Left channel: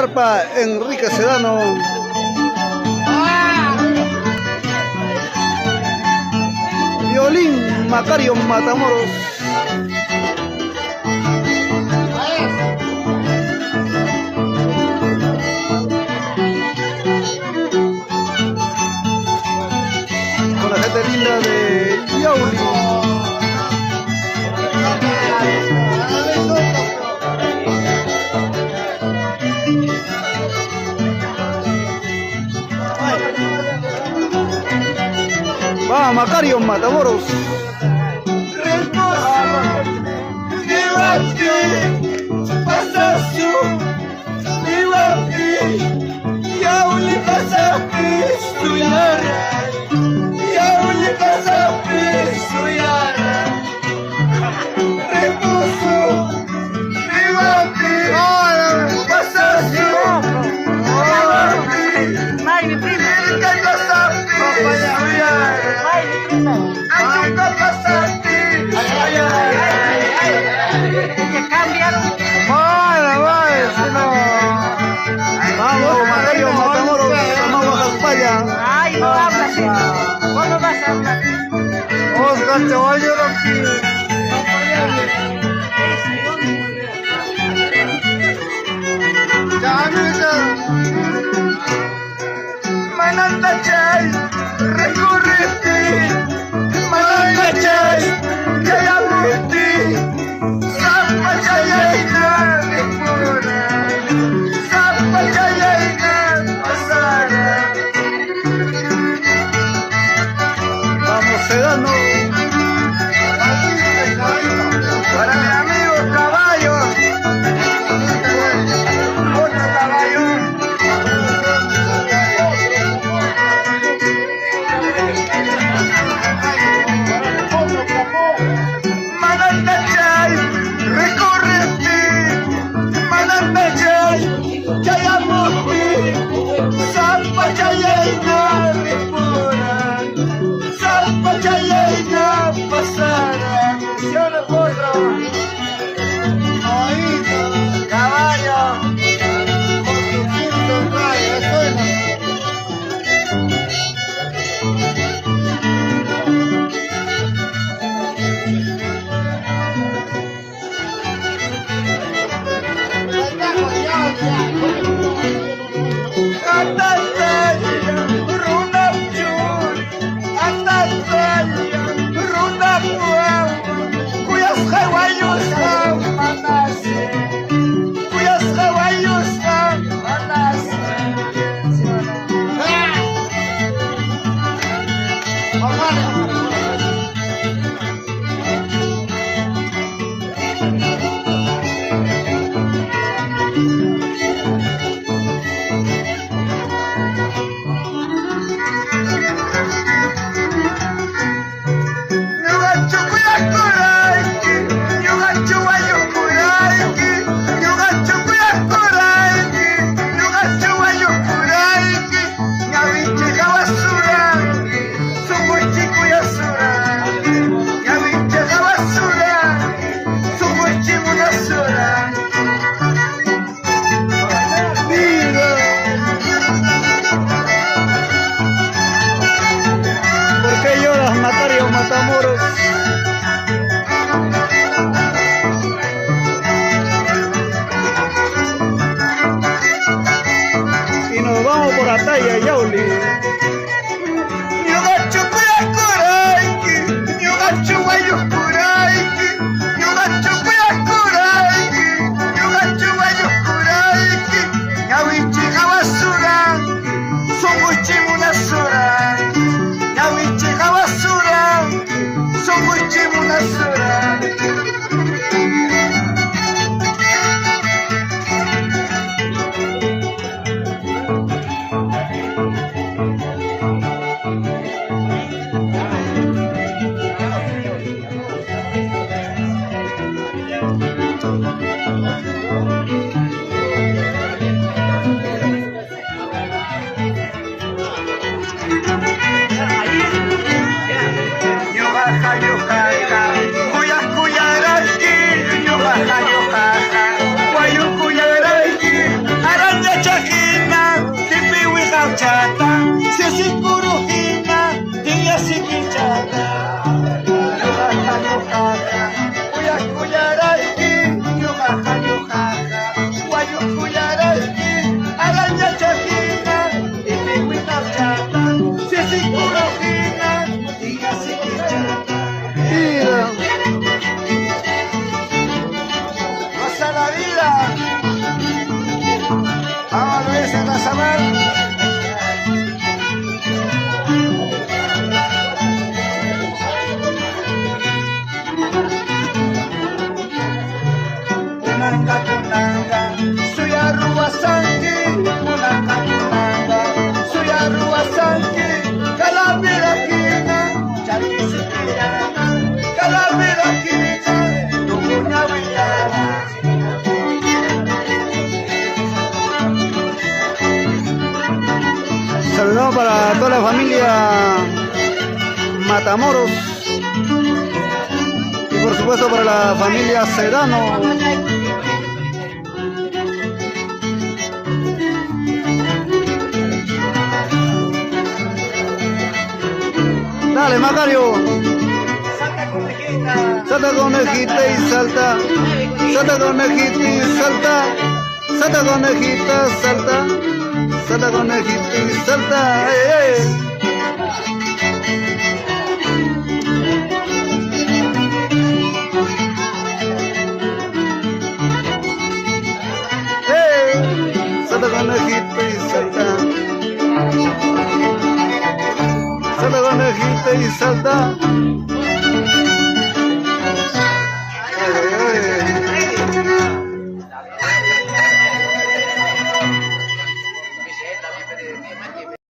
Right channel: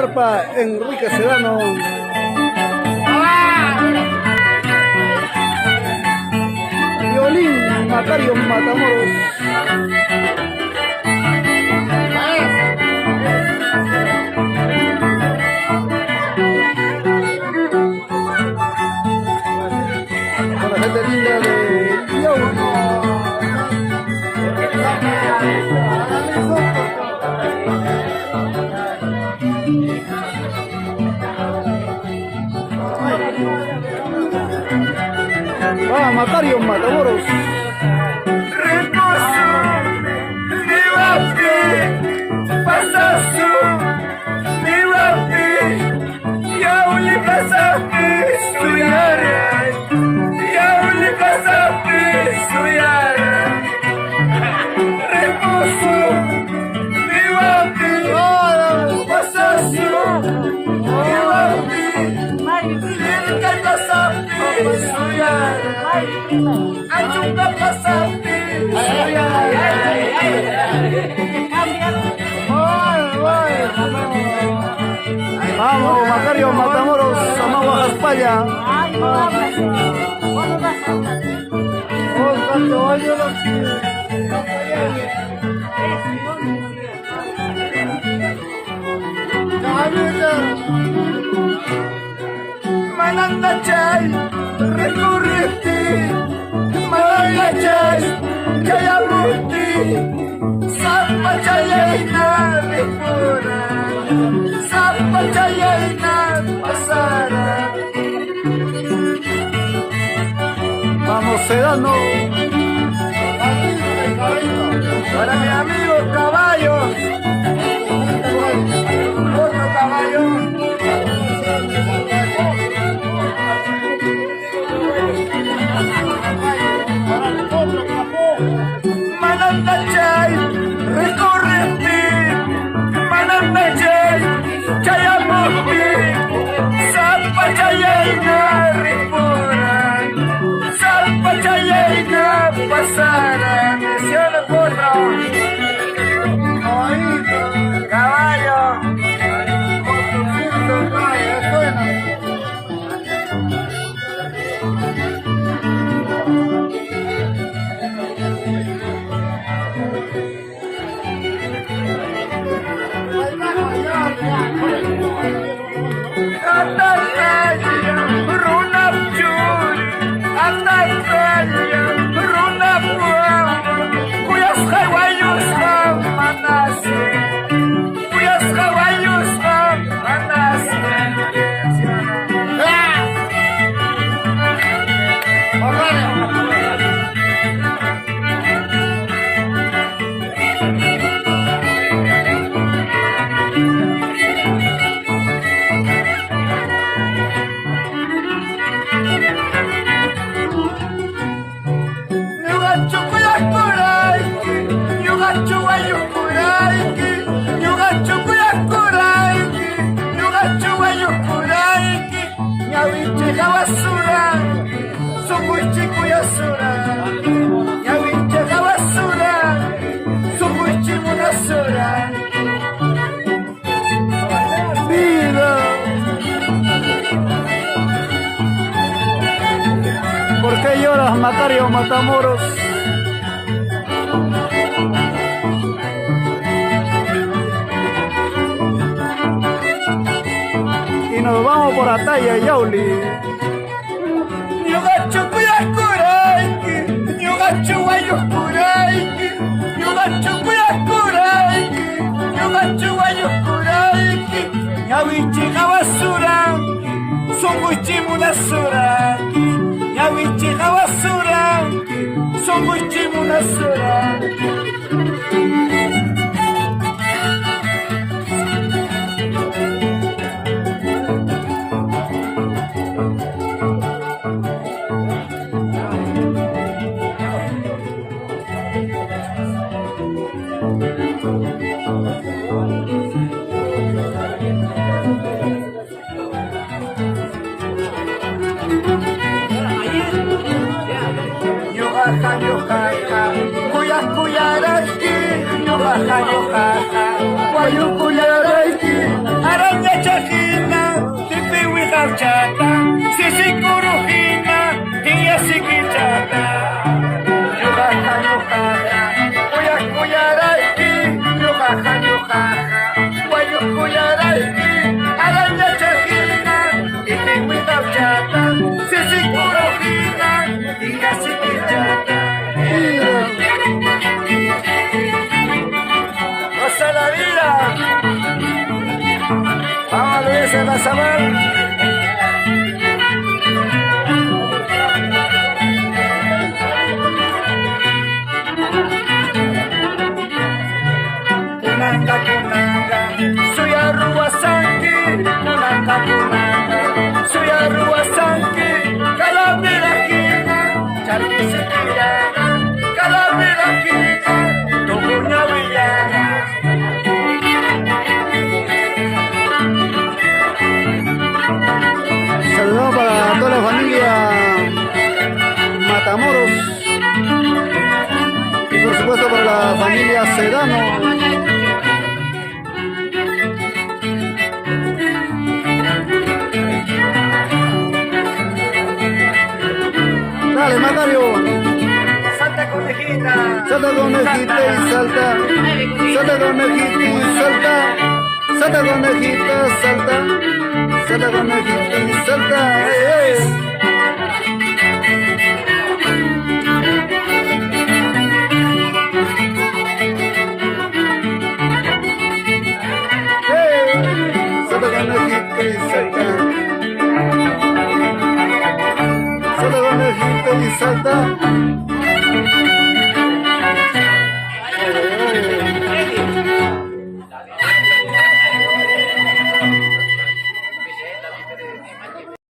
arpa Enrique Sedano. Violín Macario Matamoros. Con la gente linda de Yauli. Va Macario Matamoros. Reposo, debate, pasazo, debate, Yauli pasaste, suyara, Yauli pasaste, suyara. Reposo, debate, pasazo, debate, Vilca pasaste, suyara. Vamos, Macario Matamoros, Amagua Jaspalla. Manandachay, recorrete, Manandachay, Chayamurti, Zapachayayna, Repura, Zapachayayna, Pasara. Vamos, Sedano. Para mi amigo Caballo, otro caballo. Manandachay, recorrete, Manandachay, Chayamurti, Zapachayayna, Repura, Zapachayayna, Pasara. Menciono por Raúl. Oído, caballo, otro fin de mayo, suena. ¿Por qué lloras, Macario Matamoros? Y nos vamos por Ataya, Yauli. Santi, Namacapunanga, Suyarua Santi, Calamera Kina, Charisikirana, Calamera Kina, Tokuna Villana. Saludamos para toda la familia Matamoros y por supuesto para la familia Sedano. Dale, Macario. Santa Conejita. Salta conejita y salta. Salta conejita y salta. Salta conejita, salta. Salta conejita y salta. ¡Ey, ey! Salta conejita y salta. Salta conejita y salta.